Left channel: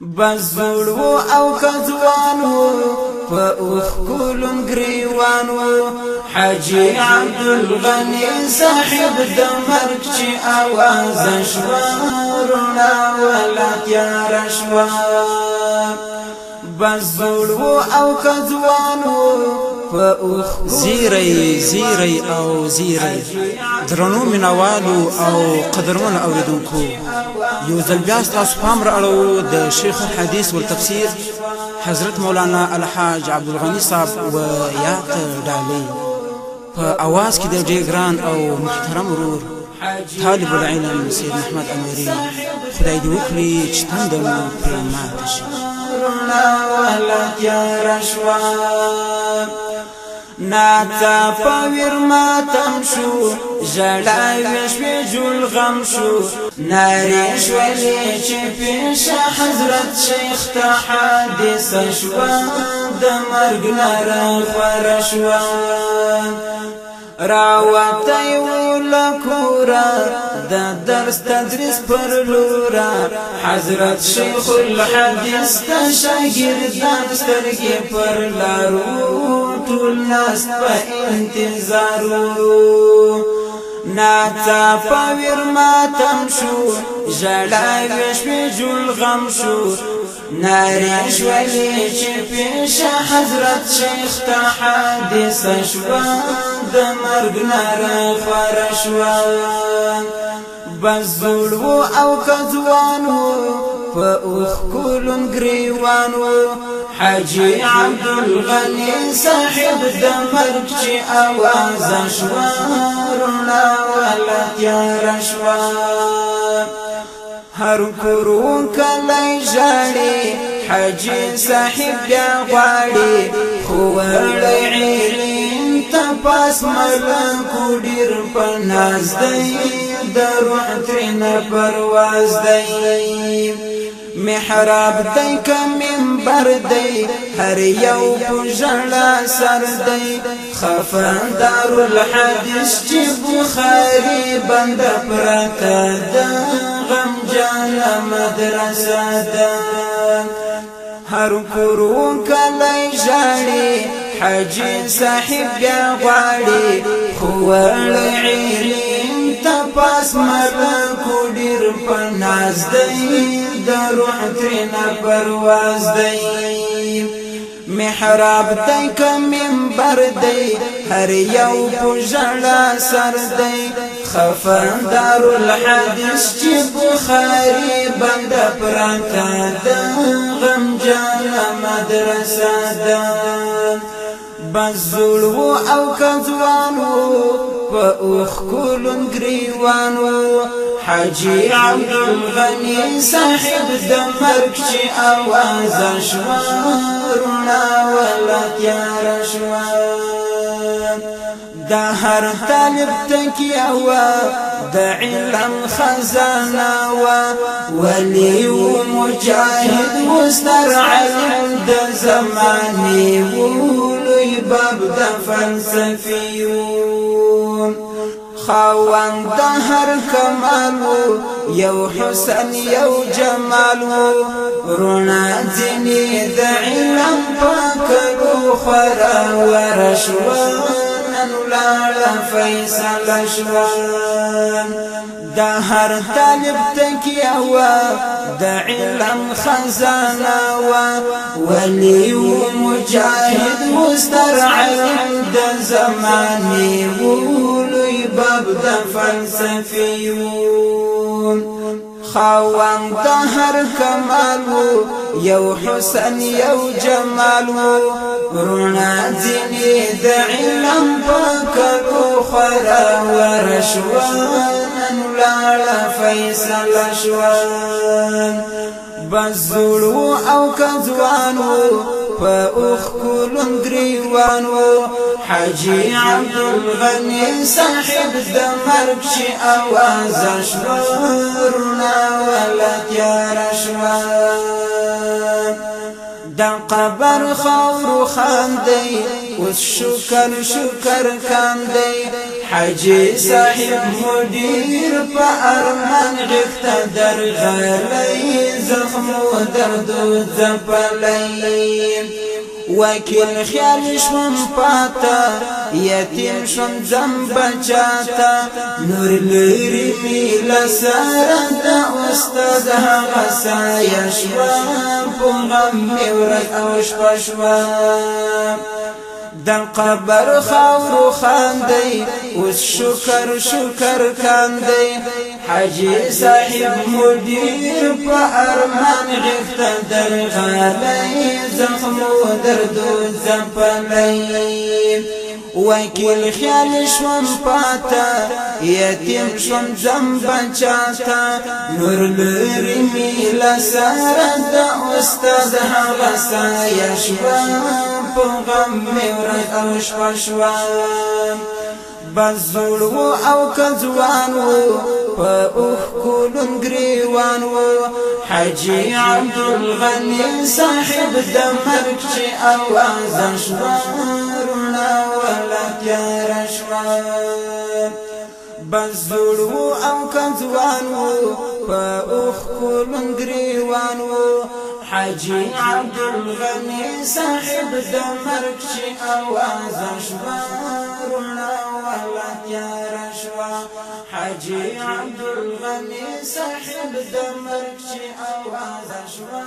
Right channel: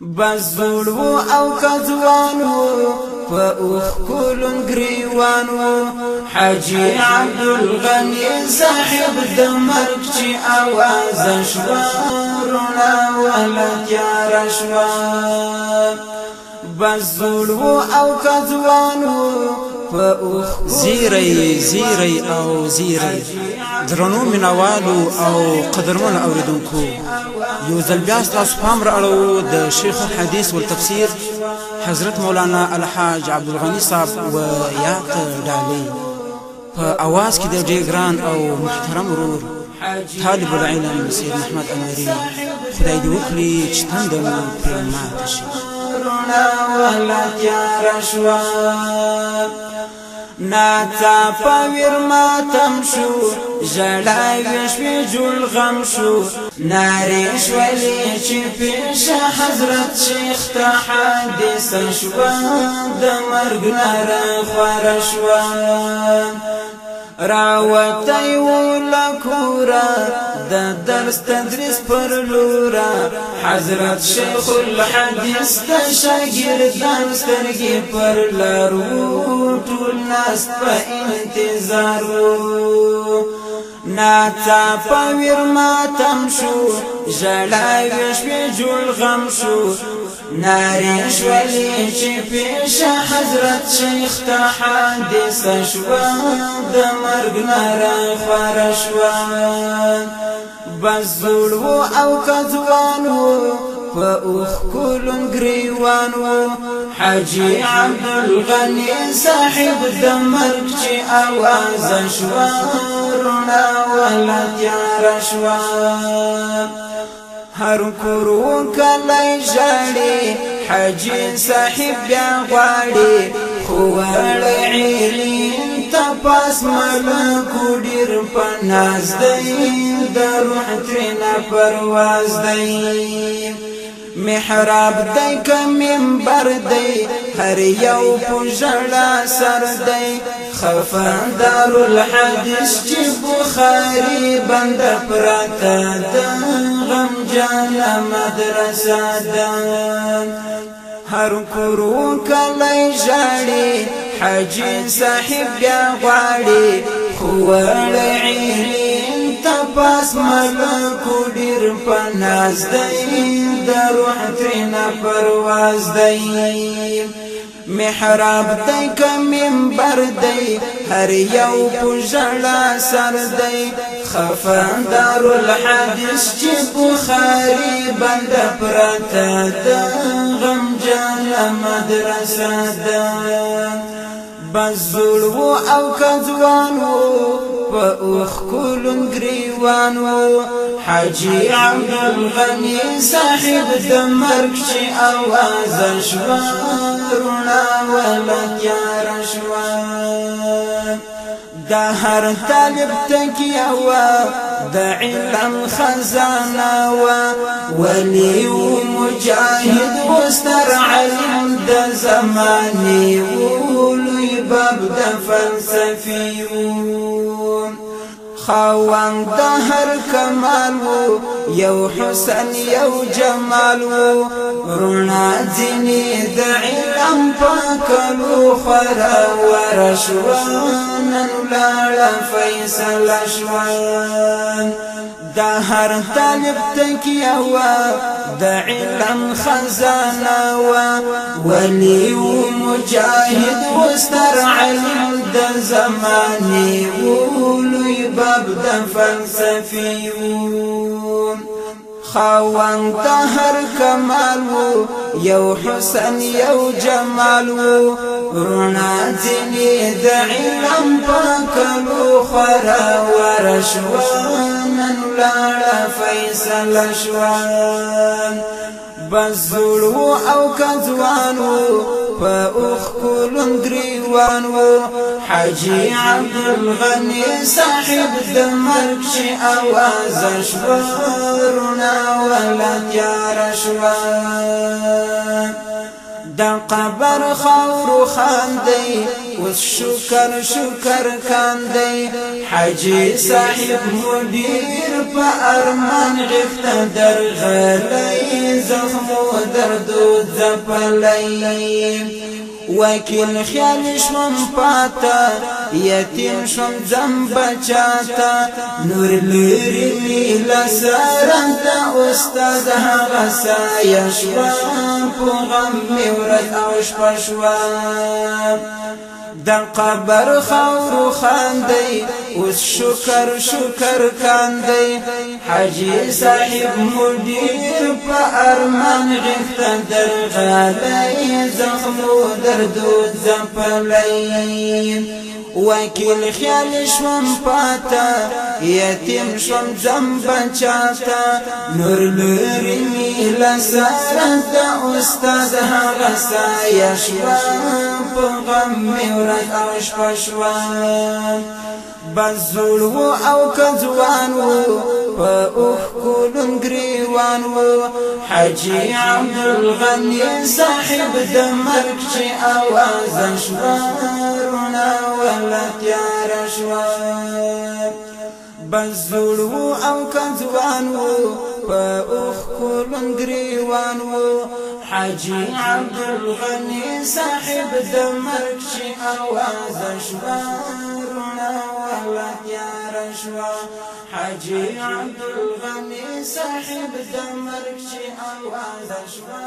بزړ وو او کځوان وو په اوخ کولن ګریوان وو حاجی عبدالغنی صاحب د مرګ چې आवाज شوا رونا ولا تیار شوا بزړ وو او کځوان وو په اوخ زیری او زیری درنو منوالو او قدرمن اوریدونکو یو ځل بیا ستاسو پام رااړو د شیخ الحدیث والتفسیر حضرت مولانا الحاج عبدالغنی صاحب و یات ډالۍ په اواز کې د ډېر ګران او محترم ورور طالب العلم سید محمد انوري خدای دې وکړي چې تنده مو پرې ماته شي وهلا تیار شوا ناڅا پویر ماتم شو ژړاوي شوې جوړ غم شو نارې شولې چې پیش حضرت شیخ ته حادثه شوه د مرګ ناره خواره شوه راوتی ولکورا د درس تدریس پر لورا حضرت شیخ الحدیث ته شاګردان سترګې پر لارو ټول ناس په انتظارو ناڅا پویر ماتم شو ژړاوي شوې جوړ غم شو نارې شولې چې پیش حضرت شیخ ته حادثه شوه د مرګ ناره خواره شوه بزړ وو او کځوان وو په اوخ کولن ګریوان وو حاجی عبدالغنی صاحب د مرګ چې आवाज شوه رونا ولا تیار شوه هر کورو کلی ژاړي حاجی صاحب بیا غواړي خو وړی عیرین ته پاس ملکو ډېر په ناز دی د روح ترېنه پرواز دی محراب دی که منبر دی هر یو په ژړا سر دی خفا دارالحدیث چې بخاري بنده پرته ده غمجانه مدرسه ده هر کورو کلی ژاړي حاجی صاحب بیا غواړي خو وړی عیرین ته پاس ملکو ډېر په ناز دی د روح ترېنه پرواز دی محراب دی که منبر دی هر یو په ژړا سر دی خفا دارالحدیث چې بخاري بنده پرته ده غمجانه مدرسه ده بزړ وو او کځوان وو په اوخ کولن ګریوان وو حاجی عبدالغنی صاحب د مرګ چې आवाज شوه رونا ولا تیار شوه د هر طالب تکیه وه د علم خزانه وه ولی و مجاهد و ستر علم د زمانې و لوی باب د فلسفي و خاوند د هر کمال وو یو حسن یو جمال وو رونا ځینې د علم پاکلو خورا ورشوه نن ولاړه فیصله شوه د هر طالب تکیه وه د علم خزانه وه ولی و مجاهد و ستر علم د زمانې و لوی باب د فلسفي و خاوند د هر کمال وو یو حسن یو جمال وو رونا ځینې د علم پاکلو خورا ورشوه نن ولاړه فیصله شوه بزړ وو او کځوان وو په اوخ کولن ګریوان وو حاجی عبدالغنی صاحب د مرګ چې आवाज شوه رونا ولا تیار شوه د قبر خاور خاندي اوس شکر کاندي حاجی صاحب مدیر په ارمان غفته درغلی زخم و درد و زپلی وکیل خیال شوم پاتا یتیم شوم زم بچاتا نور لری می لسر دا استاد هغه سایه شوا په غم می ورځ او شپه شوا دل قبر خاور خاندی اوس شکر شکر کاندی حاجی صاحب مدیر په ارمان غفته درغلی زخم و درد و زپلی وکیل خیال شوم پاتا یتیم شوم زم بچاتا نور لری می لسر دا استاد هغه سایه شوا په غم می ورځ او شپه شوا بزول و او کځوان و په اوښ کولون ګریوان و حاجی عبدالغنی صاحب د مرګ چې اوازه شوه روڼه وهله تیاره شوه بزول و او کځوان و په اوښ کولون ګریوان و حاجی عبدالغنی صاحب د مرګ چې اوازه شوه روڼه وهله تیاره شوه حاجی عبدالغنی صاحب د مرګ چې اوازه شوه